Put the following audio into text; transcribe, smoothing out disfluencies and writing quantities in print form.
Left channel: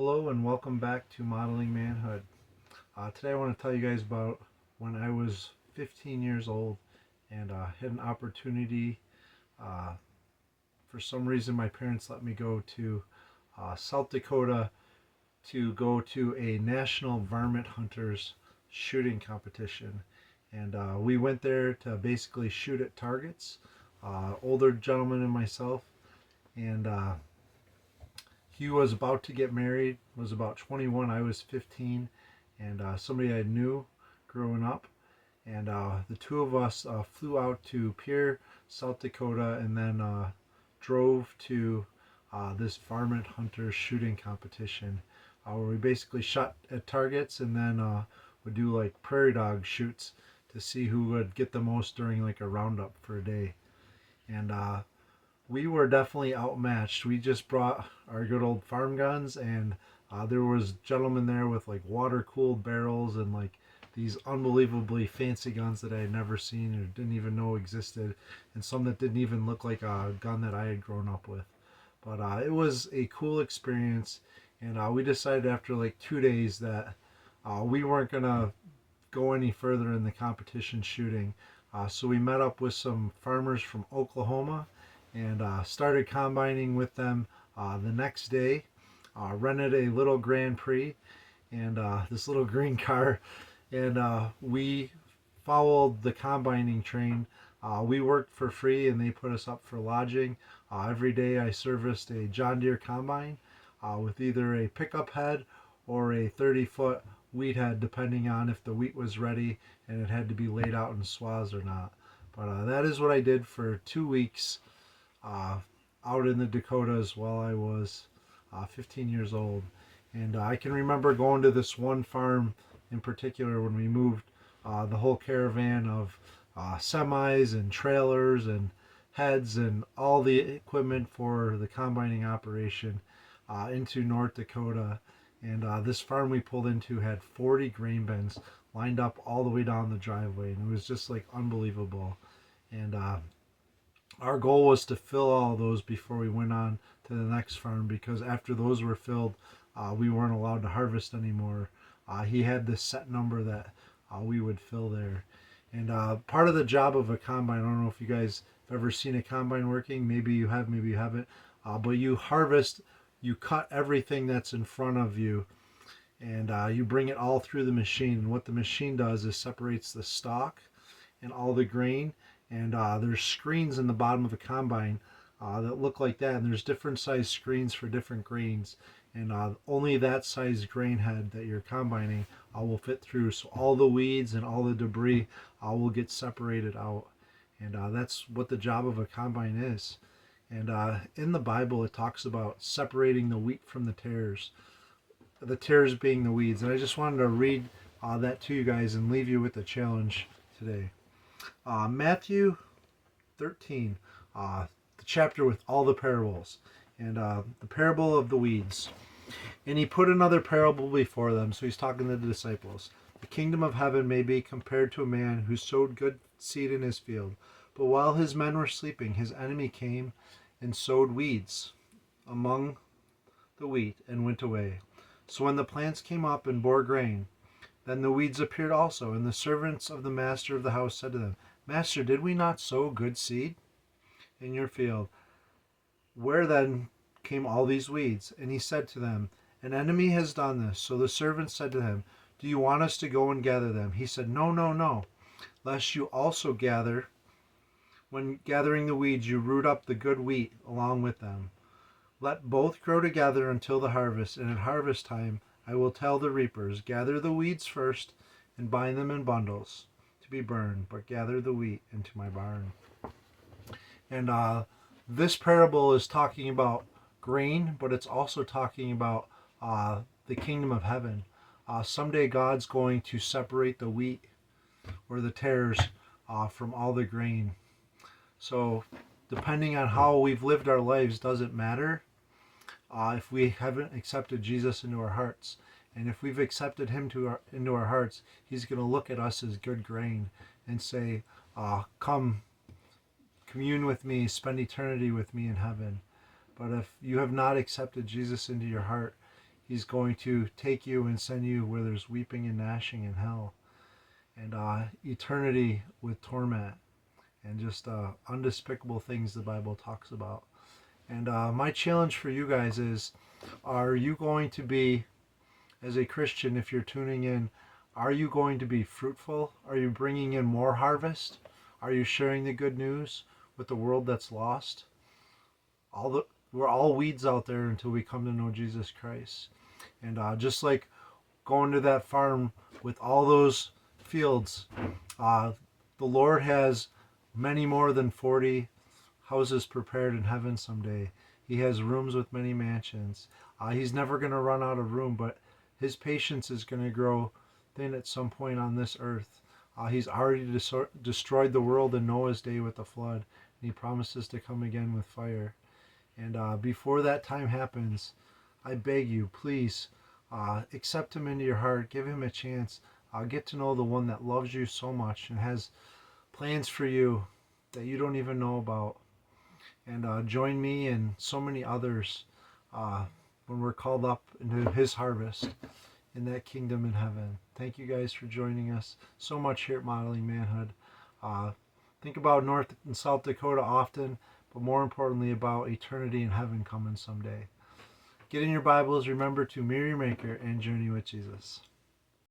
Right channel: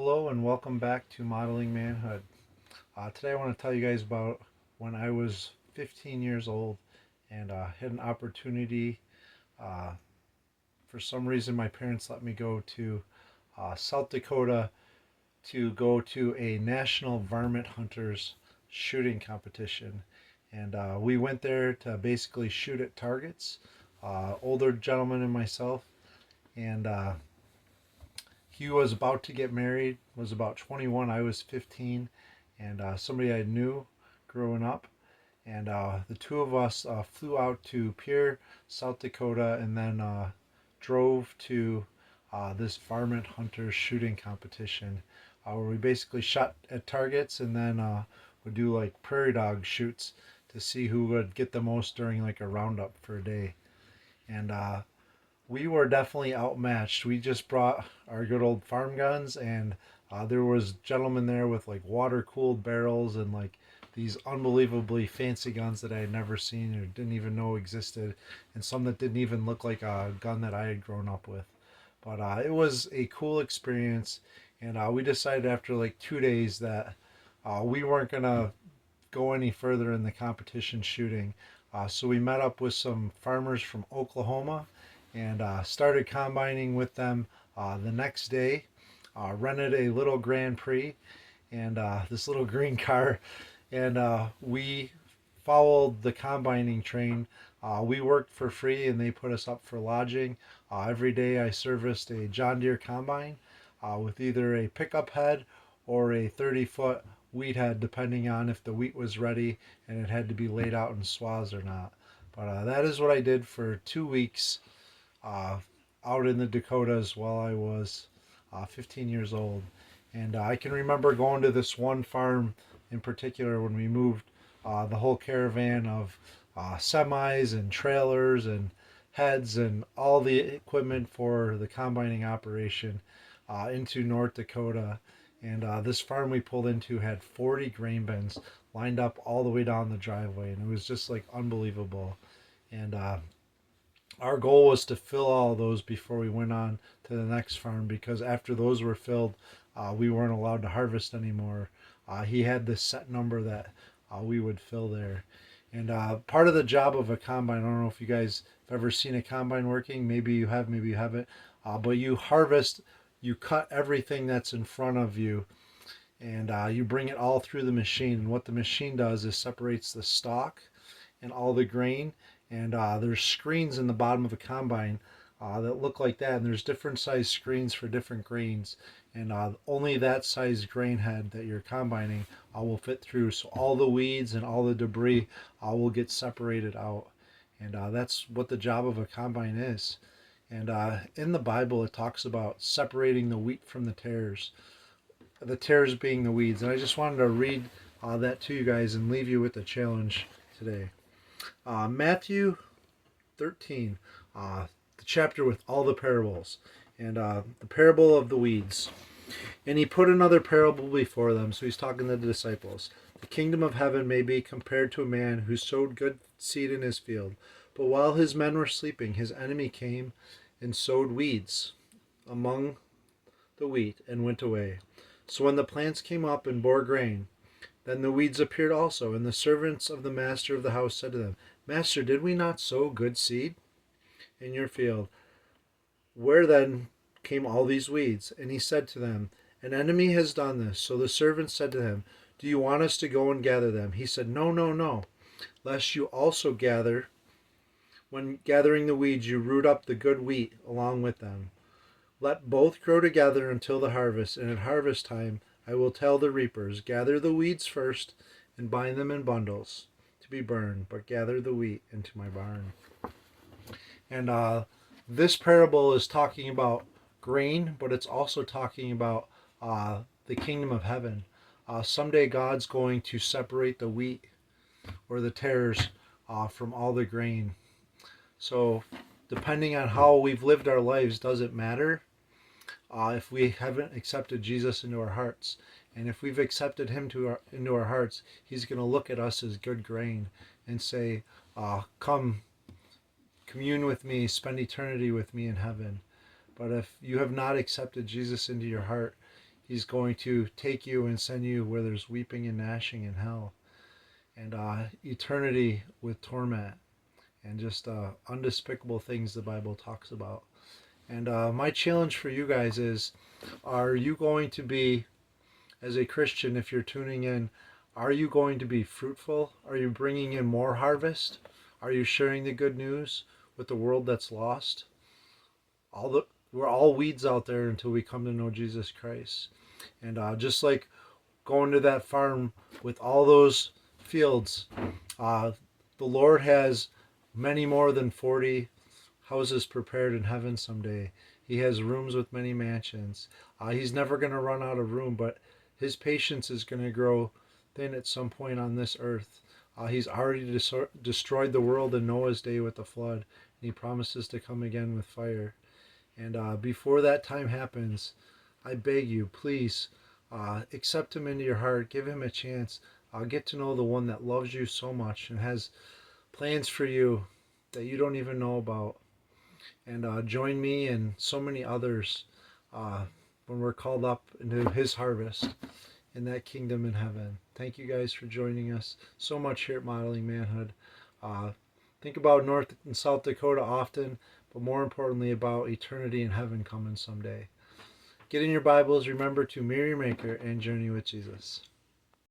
Hello and welcome back to Modeling Manhood. Today I want to tell you guys about when I was 15 years old and had an opportunity. Uh, for some reason, my parents let me go to South Dakota to go to a national varmint hunters shooting competition. And we went there to basically shoot at targets, older gentleman and myself. And he was about to get married, was about 21, I was 15, and somebody I knew growing up. And the two of us flew out to Pierre, South Dakota, and then drove to this varmint hunter shooting competition where we basically shot at targets and then would do like prairie dog shoots to see who would get the most during like a roundup for a day. And we were definitely outmatched. We just brought our good old farm guns, and there was gentlemen there with like water cooled barrels and like these unbelievably fancy guns that I had never seen or didn't even know existed, and some that didn't even look like a gun that I had grown up with. But it was a cool experience, and we decided after like 2 days that we weren't gonna go any further in the competition shooting. So we met up with some farmers from Oklahoma and started combining with them the next day. Rented a little Grand Prix and this little green car, and we followed the combining train. We worked for free and they put us up for lodging. Every day I serviced a John Deere combine with either a pickup head or a 30-foot wheat head, depending on if the wheat was ready and it had to be laid out in swaths or not. But that is what I did for 2 weeks uh, out in the Dakotas while I was 15 years old. And I can remember going to this one farm in particular when we moved the whole caravan of semis and trailers and heads and all the equipment for the combining operation into North Dakota. And this farm we pulled into had 40 grain bins lined up all the way down the driveway, and it was just like unbelievable. And our goal was to fill all those before we went on to the next farm, because after those were filled, we weren't allowed to harvest anymore. He had this set number that we would fill there. And part of the job of a combine, I don't know if you guys have ever seen a combine working. Maybe you have, maybe you haven't. But you harvest, you cut everything that's in front of you, and you bring it all through the machine. And what the machine does is separates the stalk and all the grain. And there's screens in the bottom of a combine that look like that. And there's different size screens for different grains. And only that size grain head that you're combining will fit through. So all the weeds and all the debris will get separated out. And that's what the job of a combine is. And in the Bible, it talks about separating the wheat from the tares being the weeds. And I just wanted to read that to you guys and leave you with a challenge today. Matthew 13, the chapter with all the parables, and the parable of the weeds. And he put another parable before them, so he's talking to the disciples. The kingdom of heaven may be compared to a man who sowed good seed in his field. But while his men were sleeping, his enemy came and sowed weeds among the wheat and went away. So when the plants came up and bore grain, then the weeds appeared also, and the servants of the master of the house said to them, Master, did we not sow good seed in your field? Where then came all these weeds? And he said to them, An enemy has done this. So the servants said to him, Do you want us to go and gather them? He said, No, no, no, lest you also gather. When gathering the weeds, you root up the good wheat along with them. Let both grow together until the harvest, and at harvest time I will tell the reapers, Gather the weeds first and bind them in bundles to be burned, but gather the wheat into my barn. And this parable is talking about grain, but it's also talking about the kingdom of heaven. Someday God's going to separate the wheat or the tares from all the grain. So depending on how we've lived our lives doesn't matter if we haven't accepted Jesus into our hearts. And if we've accepted him into our hearts, he's going to look at us as good grain and say, come commune with me, spend eternity with me in heaven. But if you have not accepted Jesus into your heart, He's going to take you and send you where there's weeping and gnashing in hell, and eternity with torment, and just undespicable things the Bible talks about. And my challenge for you guys is, are you going to be, as a Christian, if you're tuning in, are you going to be fruitful? Are you bringing in more harvest? Are you sharing the good news with the world that's lost? We're all weeds out there until we come to know Jesus Christ. And just like going to that farm with all those fields, uh, the Lord has many more than 40 houses prepared in heaven someday. He has rooms with many mansions. He's never going to run out of room, but his patience is going to grow thin at some point on this earth. He's already destroyed the world in Noah's day with the flood, and he promises to come again with fire. And before that time happens, I beg you, please accept him into your heart. Give him a chance. Get to know the one that loves you so much and has plans for you that you don't even know about. And join me and so many others when we're called up into his harvest in that kingdom in heaven. Thank you guys for joining us so much here at Modeling Manhood. Think about North and South Dakota often, but more importantly about eternity in heaven coming someday. Get in your Bibles, remember to mirror your Maker and journey with Jesus.